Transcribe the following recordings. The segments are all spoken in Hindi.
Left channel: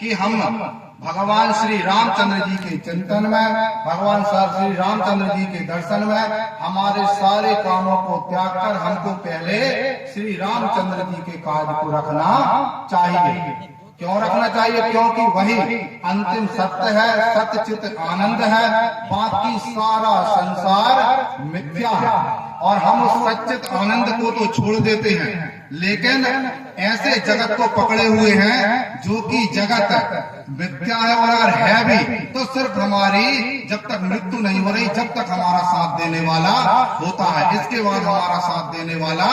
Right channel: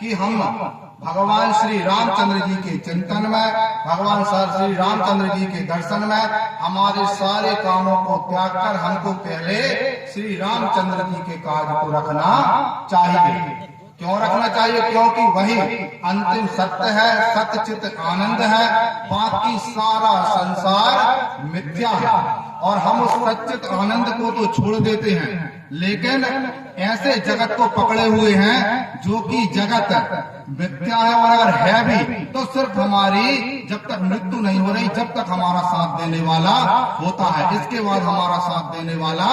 कि हम भगवान श्री रामचंद्र जी के चिंतन में, भगवान श्री रामचंद्र जी के दर्शन में हमारे सारे कामों को त्याग कर हमको पहले श्री रामचंद्र जी के कार्य को रखना चाहिए। क्यों रखना चाहिए? क्योंकि वही अंतिम सत्य है, सत्यचित आनंद है, बाकी सारा संसार मिथ्या है। और हम उस सच्चित आनंद को तो छोड़ देते हैं, लेकिन ऐसे जगत को पकड़े हुए हैं जो कि जगत मिथ्या है। और अगर है भी तो सिर्फ हमारी जब तक मृत्यु नहीं हो रही, जब तक हमारा साथ देने वाला होता है, इसके बाद हमारा साथ देने वाला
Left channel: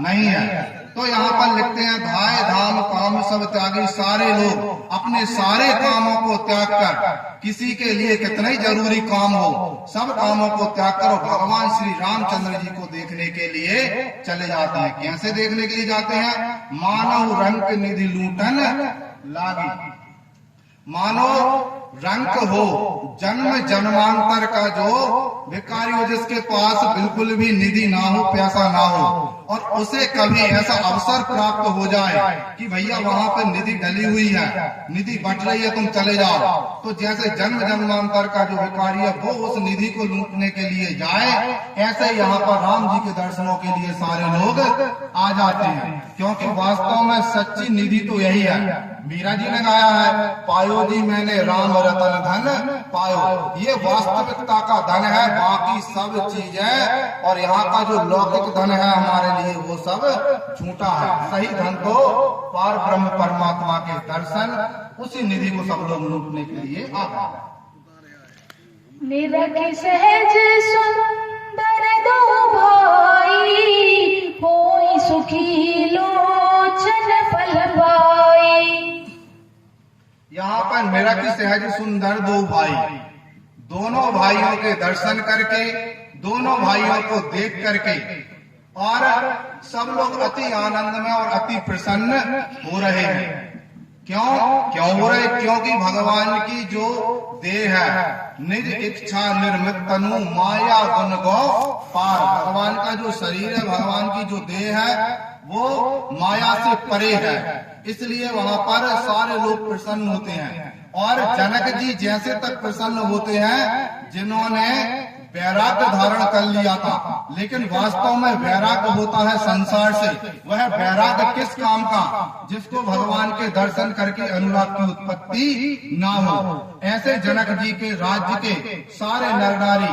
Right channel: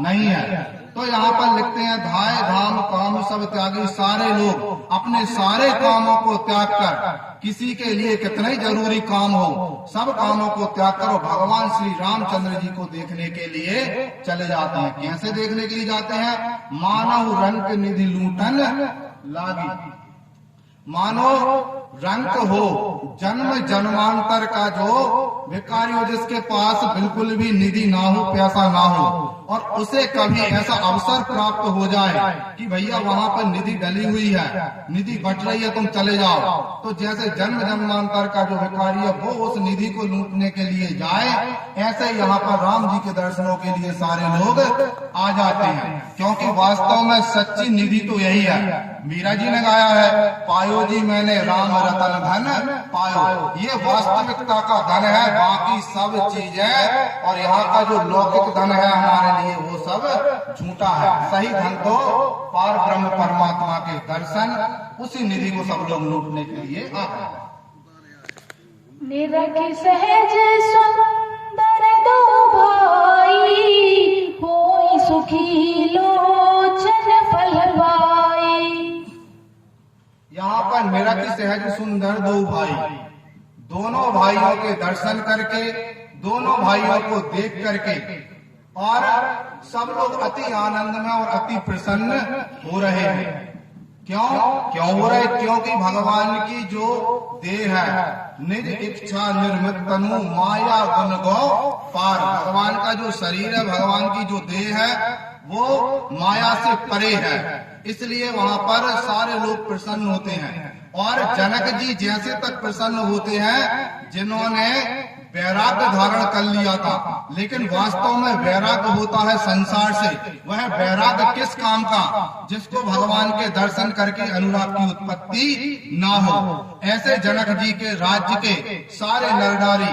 नहीं है। तो यहाँ पर लिखते हैं, धाय धाम काम सब त्यागी, सारे लोग अपने सारे कामों को त्याग कर, किसी के लिए कितना ही जरूरी काम हो, सब कामों को त्याग करो, भगवान श्री रामचंद्र जी को देखने के लिए चले जाते हैं। कैसे देखने के लिए जाते हैं? मानव रंक निधि लूटन लागी। मानो रंक हो, जन्म जन्मांतर का जो भिखारी हो, जिसके पास बिल्कुल भी निधि ना हो, पैसा ना हो, और उसे कभी ऐसा अवसर प्राप्त हो जाए कि भैया वहाँ पे निधि डली हुई है, निधि बट रही है, तुम चले जाओ, तो जैसे जन्म जन्मांतर का जो भिखारी है वो उस निधि को लूटने के लिए जाए, ऐसे यहाँ पर राम जी के दर्शनों के लिए सारे लोग आ जाते हैं। क्योंकि वास्तव में सच्ची निधि तो यही है। मीरा जी ने गाया है, पायो जी मैंने राम रतन धन पायो। ये वास्तविकता का धन है, बाकी सब चीज है, और यहाँ का जो लौकिक धन है हमारे लिए वो सब झूठा है। सही धन तो पार ब्रह्म परमात्मा के दर्शन, उसी निधि को सब लोग लूटने के लिए आते हैं। निरख सहज सुंदर दो भाई, होई सुखी लोचन फल पाई। यहाँ पर निरख सहज सुंदर दो भाई, दोनों भाइयों के दर्शन करके, दोनों भाइयों को देख करके, और सब लोग अति आनंद में और अति प्रसन्न हो रहे हैं। क्यों हो रहे? क्योंकि भगवान की जो देह है, निज इच्छा निर्मित तनु माया गुण गौ पार, भगवान का जो शरीर है, भगवान की जो देह है, वो माया से परे है, इसलिए वहाँ पर सारे लोग प्रसन्न होते हैं। और जनक जी जैसे तक प्रसन्न होते हैं जिन्होंने वैराग्य धारण कर लिया था, लेकिन वास्तव में वैराग्य होता है संसार से। वह वैराग्य किस काम का? जिसको भगवान के दर्शन करके अनुराग की उत्पत्ति ना हो। ऐसे जनक जी के राज्य के सारे नर नारी